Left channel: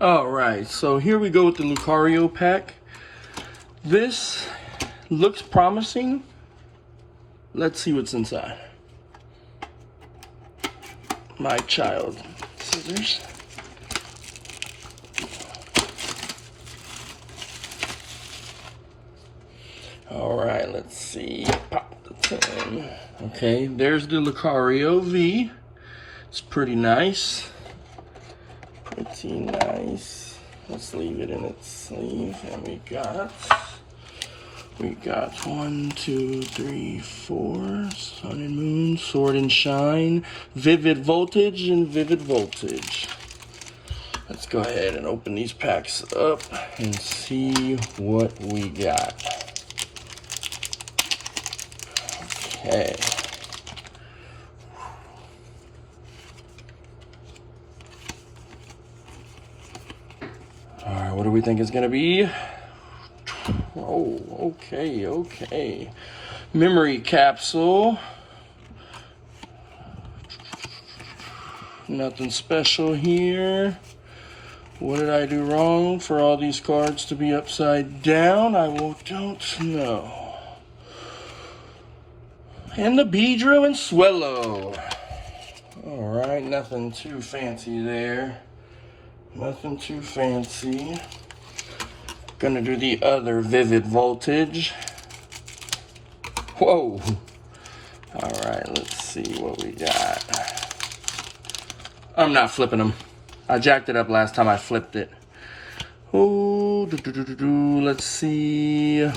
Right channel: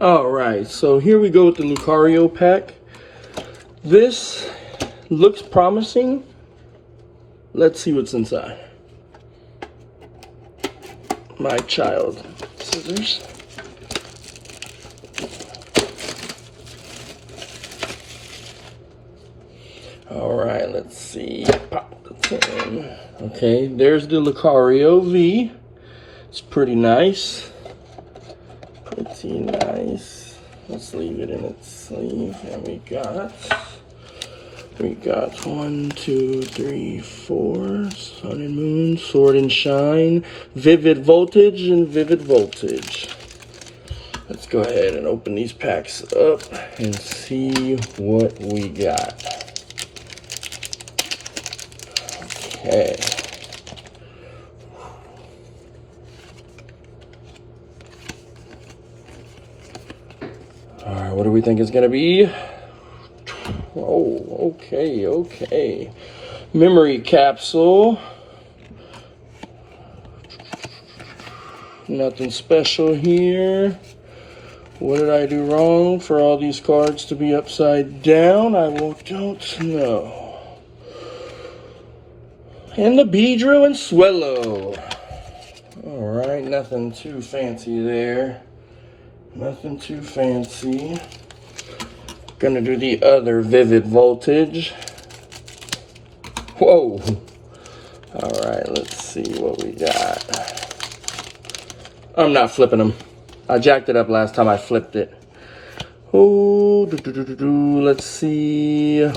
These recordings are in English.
All right, so here we go with the Lucario pack. This looks promising. Let's see what's inside. My child scissors. All right, let's see. Pop the tin. Okay, there's the Lucario V. It's pretty nice. Pretty nice. Let's leave it in its sleeve. And we got 1, 2, 3, 4. Sun and Moon, Sword and Shine, Vivid Voltage, and Vivid Voltage. Let's go ahead and open these packs up and see what we got. Okay. All right, what do we think it's gonna be? Oh, okay. Memory capsule. Nothing special here. What did I do wrong for all these cards to be upside down? I don't know. And the Beedrill and Swellow. All right, nothing too fancy there. Nothing too fancy. Gonna do the other Vivid Voltage. Whoa. All right, let's see what we got. I'm not flipping them. I jacked it up last time I flipped it. Oh, let's see.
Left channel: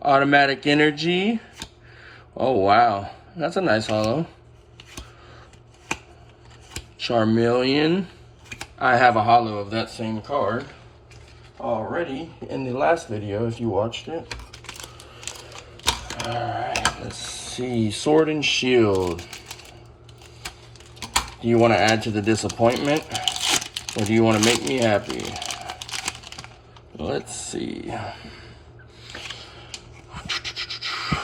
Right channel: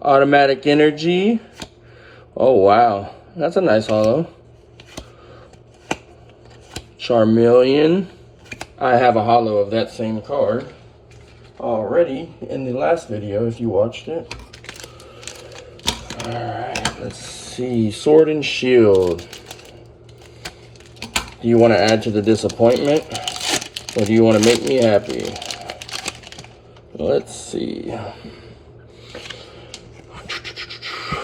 Automatic Energy. Oh, wow. That's a nice holo. Charmeleon. I have a holo of that same card already in the last video if you watched it. All right, let's see. Sword and Shield. Do you want to add to the disappointment? Or do you want to make me happy? Let's see.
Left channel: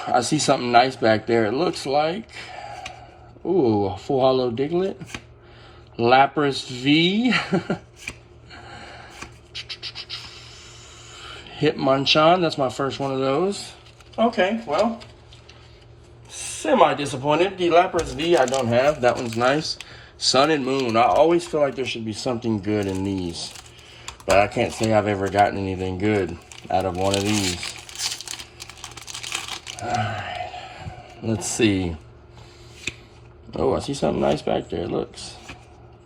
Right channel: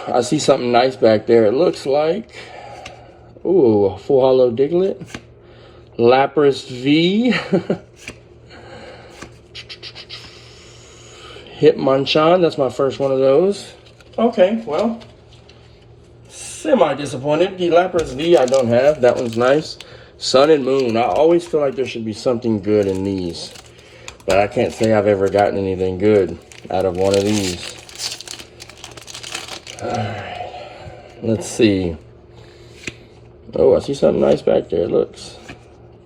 I see something nice back there. It looks like, ooh, a full holo Diglett. Lapras V. Hitmonchan, that's my first one of those. Okay, well, semi-disappointed. The Lapras V I don't have. That one's nice. Sun and Moon. I always feel like there should be something good in these. But I can't say I've ever gotten anything good out of one of these. Alright. Let's see. Oh, I see something nice back there. It looks.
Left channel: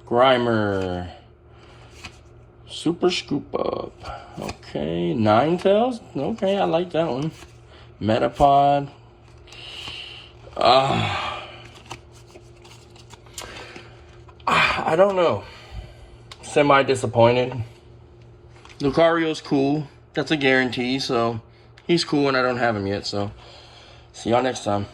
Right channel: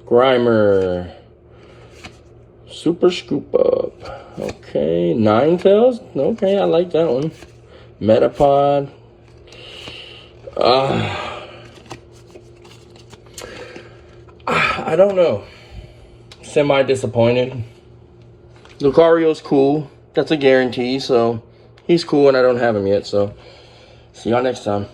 Grimer. Super Scoop Up. Okay. Ninetales. Okay, I like that one. Metapod. I don't know. Semi-disappointed. Lucario's cool. That's a guarantee, so he's cool and I don't have him yet, so see y'all next time.